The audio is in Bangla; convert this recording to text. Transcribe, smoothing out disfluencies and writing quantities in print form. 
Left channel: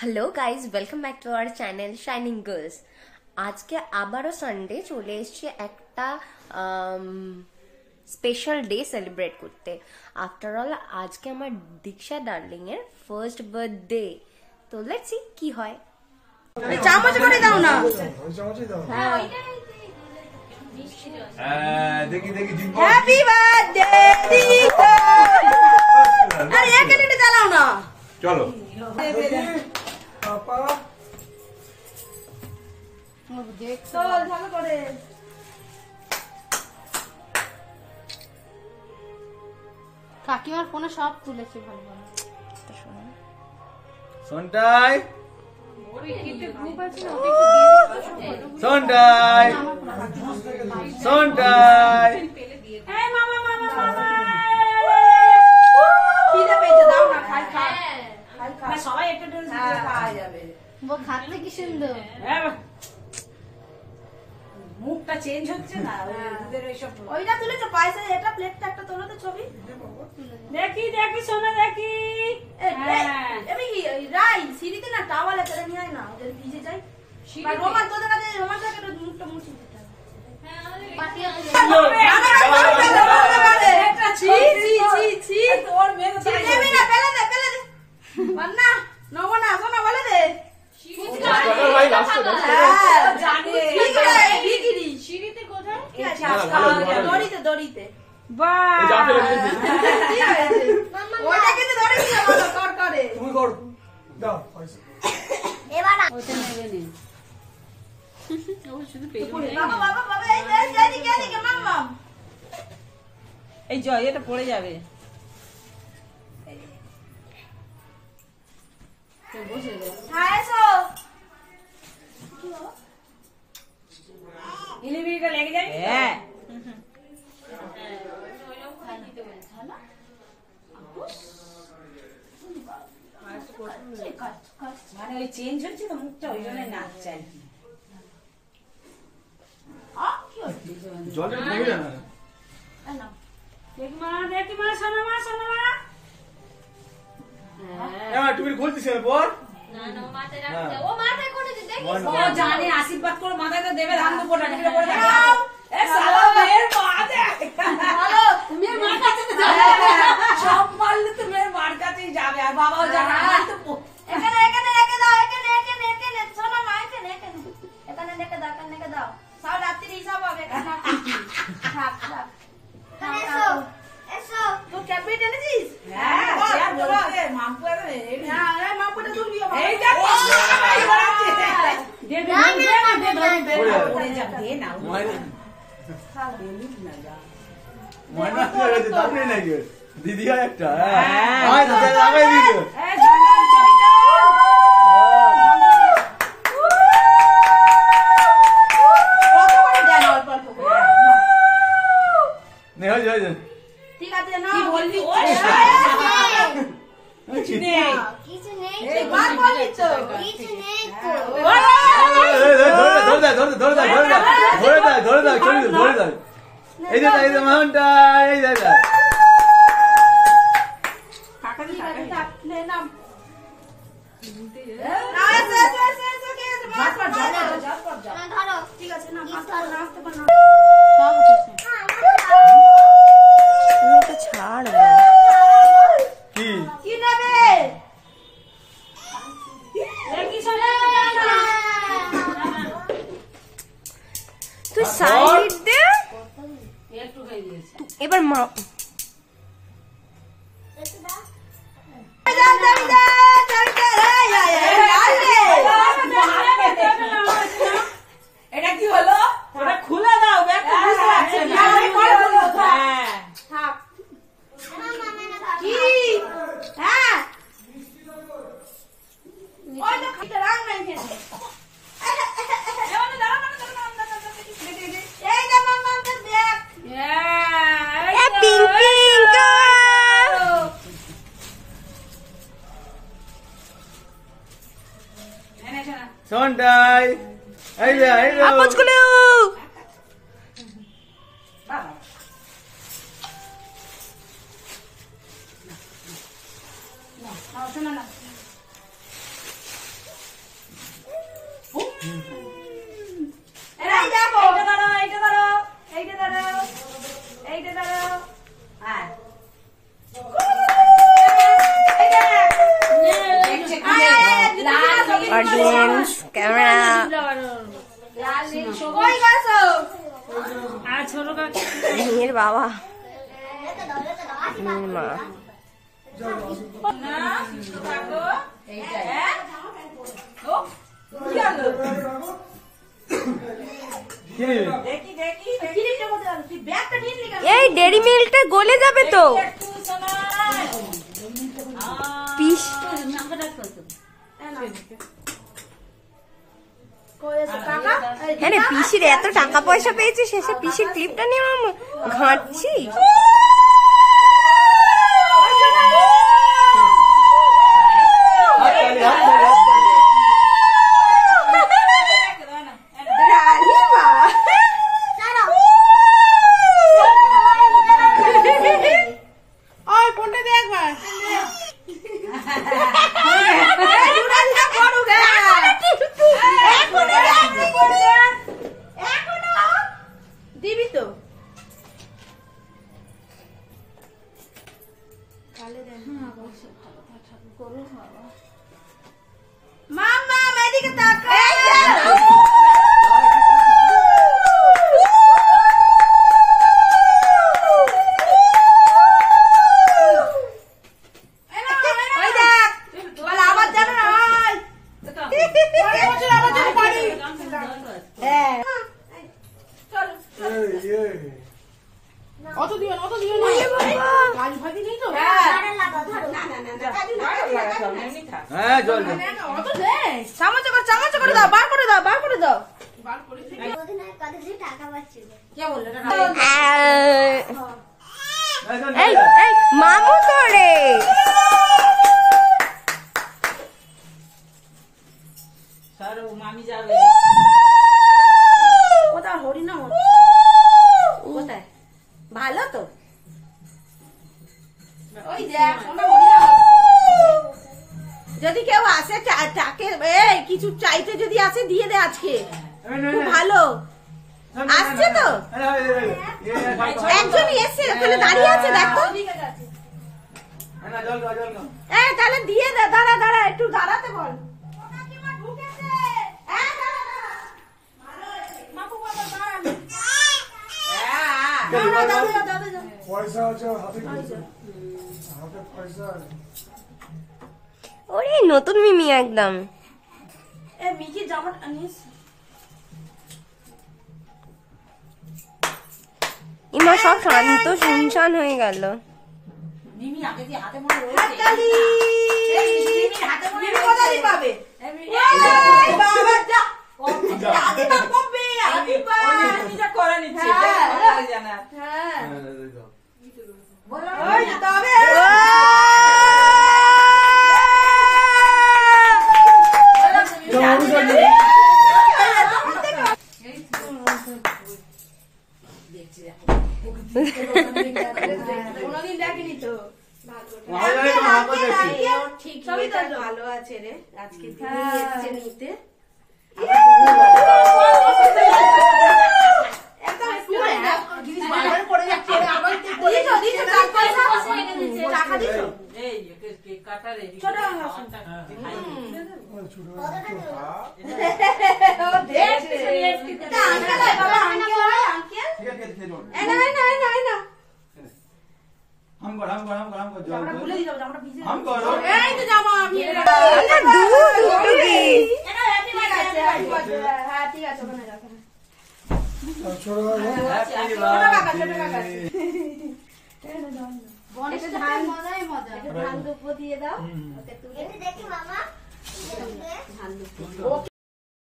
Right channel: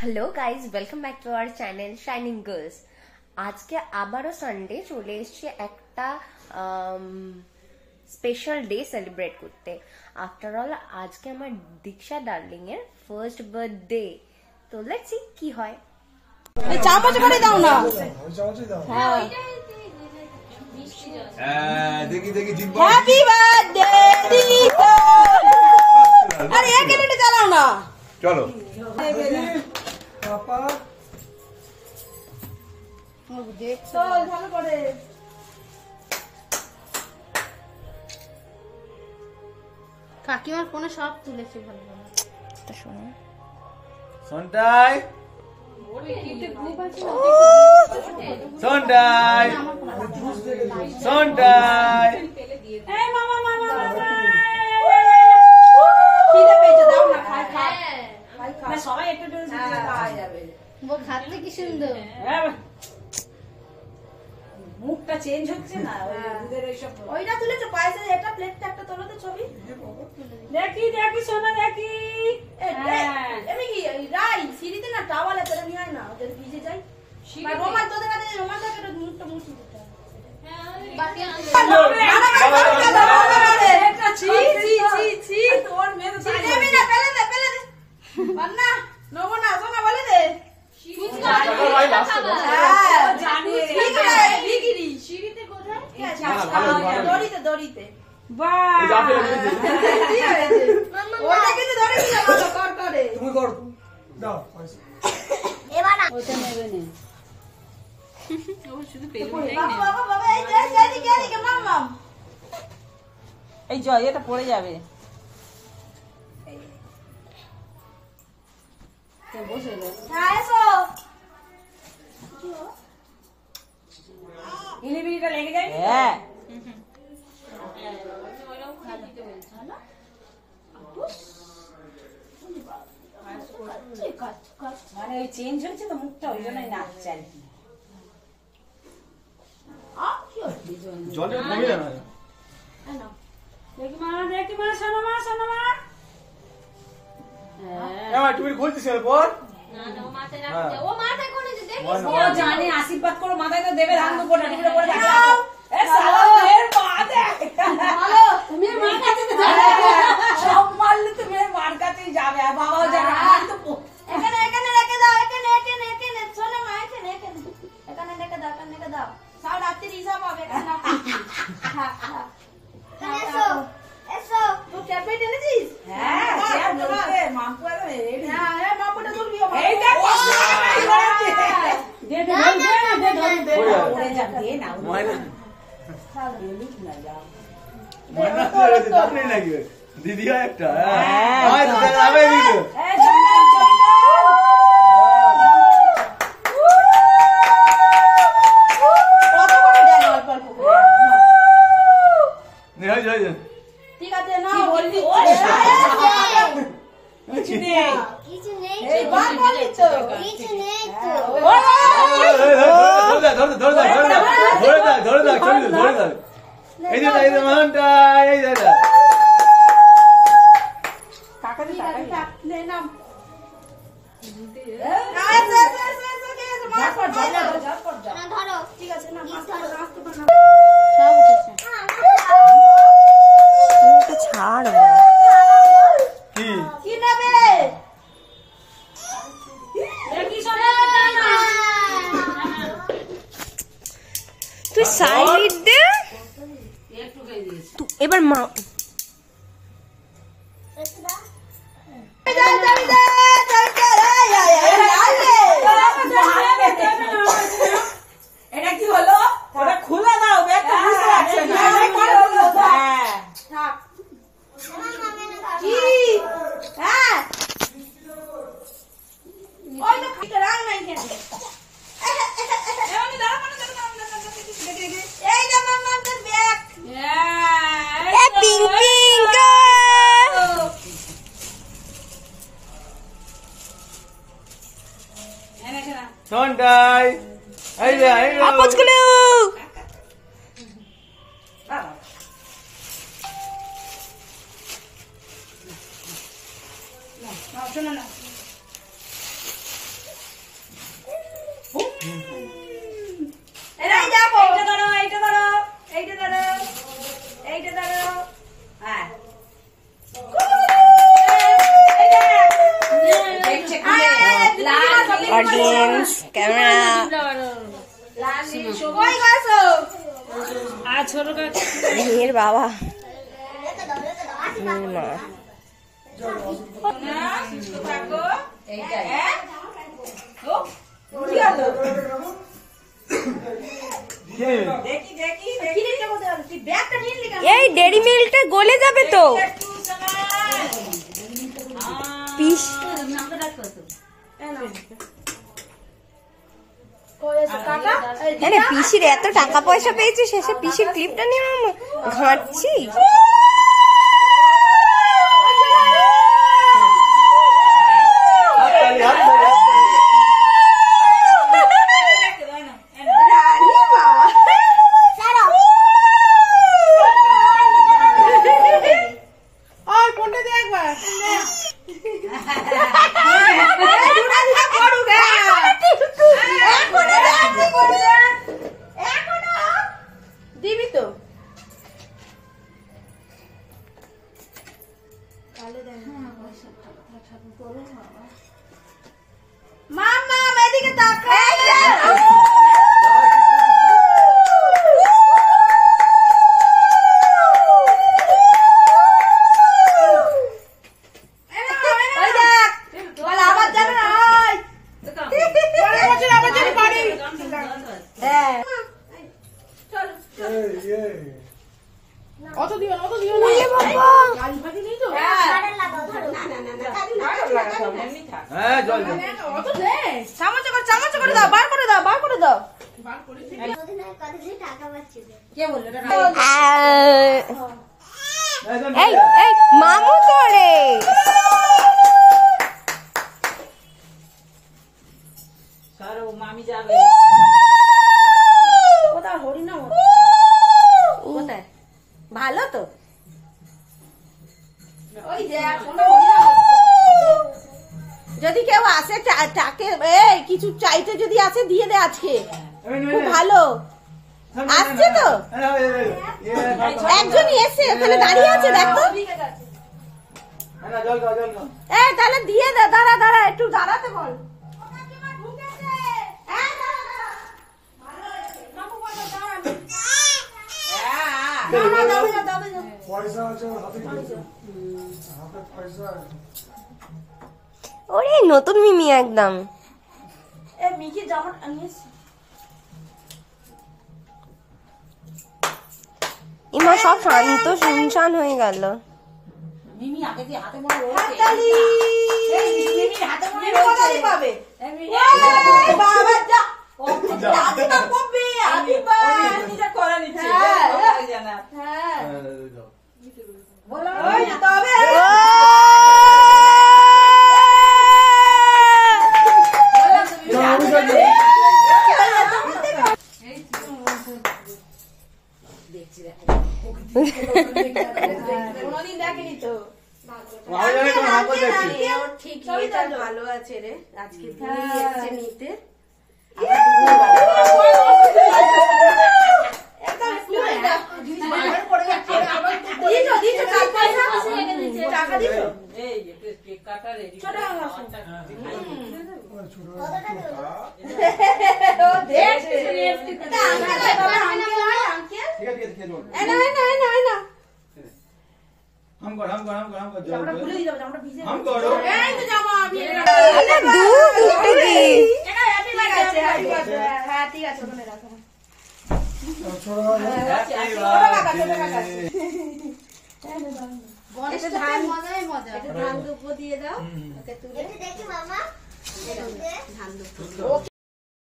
Hello guys, welcome back to our channel shining girls. আজকে আবারও সানডে চলে এসছে একটা স্পেশাল ডে সেলিব্রেট করতে। আফটার অল আজকে আমার দীক্ষা ডার্লিং এর ফার্স্ট বার্থডে। তো লেটস সি কি হয়। এই চামচ করে দাও না। হ্যাঁ, দেখি জিম্বা। হ্যাপি বার্থডে দীক্ষা। আরে এক মিনিট চালাও না। চলো পাপা দেখছো ভালো করে। কাকিমার ফোনে সব তুলেছে ভালো ভালো। সন্টাই গ্রুপ আছে সন্টাই সন্টাই এই মামা মামা মামা খিদে পেয়েছে, দাও না। খাই খাই খাই খাই, সবাই একটু জোরে জোরে খাওয়া যাবে। ও খাতে কি সুন্দর। মুখটা চেঞ্জ হচ্ছে না দুধের এইসব। ওইটা তুলেছো পয়সা, এটা প্লেটটা একটা তোলো তো ছবি। দেখি দেখি সোনা দেখি। আমি কি রাই সিঁড়িতে না টাওয়ালে করে নিয়ে আয় না, ওদের ভিজে যায়। রোমান তোদের কাছে রোমান থাকে তো মুখটা মুছে দিতে হবে। তোর মেয়ে পেলে দে পেলে দে না নমনা সোনা বলে দে। দড়িতে দড়িতে তুমি কর দাও পয়সা এই জয় এটা পড়ে যাবে। হ্যাঁ মানে ওই চেঞ্জ হচ্ছে তো মুখটা, ওই জন্য নাচ চাই। জলটা কমে যাবে না তুমি খুলতেছি পর জানে আশীর্বাদ করো, মাথায় তো দেবে ধান দুপুরটা টিপে পড়ে যাবে। সব মারলে তো মেয়ের মার কাছেই যাবে, আর বাবাও যাবে। এখানে এখানে রেখে দাও, এখানে এখানে এখানে শোনো মা, এখানে এখানে এখানে রেখে দাও, এখানে রেখে দাও। সব রাত্রি হিসাব হবে। এখানে থাক থাক এসো এসো। তুই ক্যাপেট এনেছিস? হ্যাঁ বলতে মাম্পু আরে না আরে মাম্পুটা তুলবি। এই দেখ দে দে দে পড়ে যাবে। দে না ময়না খাও বলি না যা ময়না তো দাপে নাকি দিদি একটা হ্যাঁ তো যাবে দিদি। এই জান চলটা কত করে দেন? অল্প অল্প করে নে হয়ে যায় ঠিক আছে না বলবি। কিছু নেই এই বাদ বলি তো কিছু নেই তো। এই যে মনটা এই যে কাকা দি কাকা নে নাম না এসে এসে এসে এসে কে আছে মার পর যা যা পর যা। ধরো, ঠিক আছে না মার পর রাস্তা বানা সব উঠেছে। তুমি একটু ছাড়। কি কি নেবে দেখি শোনা না। তুই সাইড দে। একটু খাই দিয়েছি। তুই এবার মা এটা কি হলো? ওটা খুলে দাও, ব্যাগটা বুঝতে পারছো না। হ্যাঁ থাক কি হ্যাঁ ওই তো খাইতে রাং নাই কেন? এমন দাঁড়া মানে এই না মামা আমাদের ব্যাগ। এ পিঙ্কি সন্টাই এই যে আপচগুলো শোনো না এই দেখো, এইটা ধরো, এইটা ধরো, এইটা ধরো, এইটা ধরো। হ্যাঁ। অডিয়েন্স ক্যামেরা লাল নীল সবুজ। কই গেছো? রিমির বাবা রিমির মা না, সুস্থ থাকো। হ্যাঁ? ও, কি হলো? দেখি, দেখি, দেখি। তুই ব্যাগটা নিয়ে নিলি কেন? এই ডেরি মিল্কটা গলে যাবে তো একটু শোনা। পিস আরে পিসির এত টাকা পয়সা পেয়েছি শেষে পিসির ক্লিপটা নিয়ে আমি ঘাঁটছি দিবি তো মামা এদিকে তাকাও ওই দেখ বল আবার যাবে না ওই বছর আবার যাবে বাড়ি হ্যাঁ অত দিও না গাছ ভাজি নেই তো হ্যাঁ জল অত দে চামচ করে দাও বার করে দাও কে বললো এই এই মামু তোরে মামি যাবে কোথায় হরিনাম কোথায় ভালো তো ওই দেখ যদি কেউ আসে টাকে এই কিছু চাইতে যদি আসে দিয়ে দে আজকে খুব ভালো আসছে তো একজন এসে ওখানে দাঁড়িয়ে আছে দেখ তো এই তাহলে দিয়ে দে দাঁড়া একটু দাঁড়াতে বল পয়সা আছে হাতে পয়সা ওরে নতুন মিমি একদম মিকি জামা ইমা সব শান্ত শুনশান হয়ে গেল মিমি আগে যে হাতে মনে রয়েছে এই মিমি হাতে মনে রয়েছে পাবে বাবা যা আদি মা কবে আদি মা নিজে করে নিচ্ছে জানা হ্যাঁ বলো ওই তবে কোনদিন দেখিনি তো ঠিক ভালো আছে রে আজকে নিতে ধান দুপো দিয়ে দাও।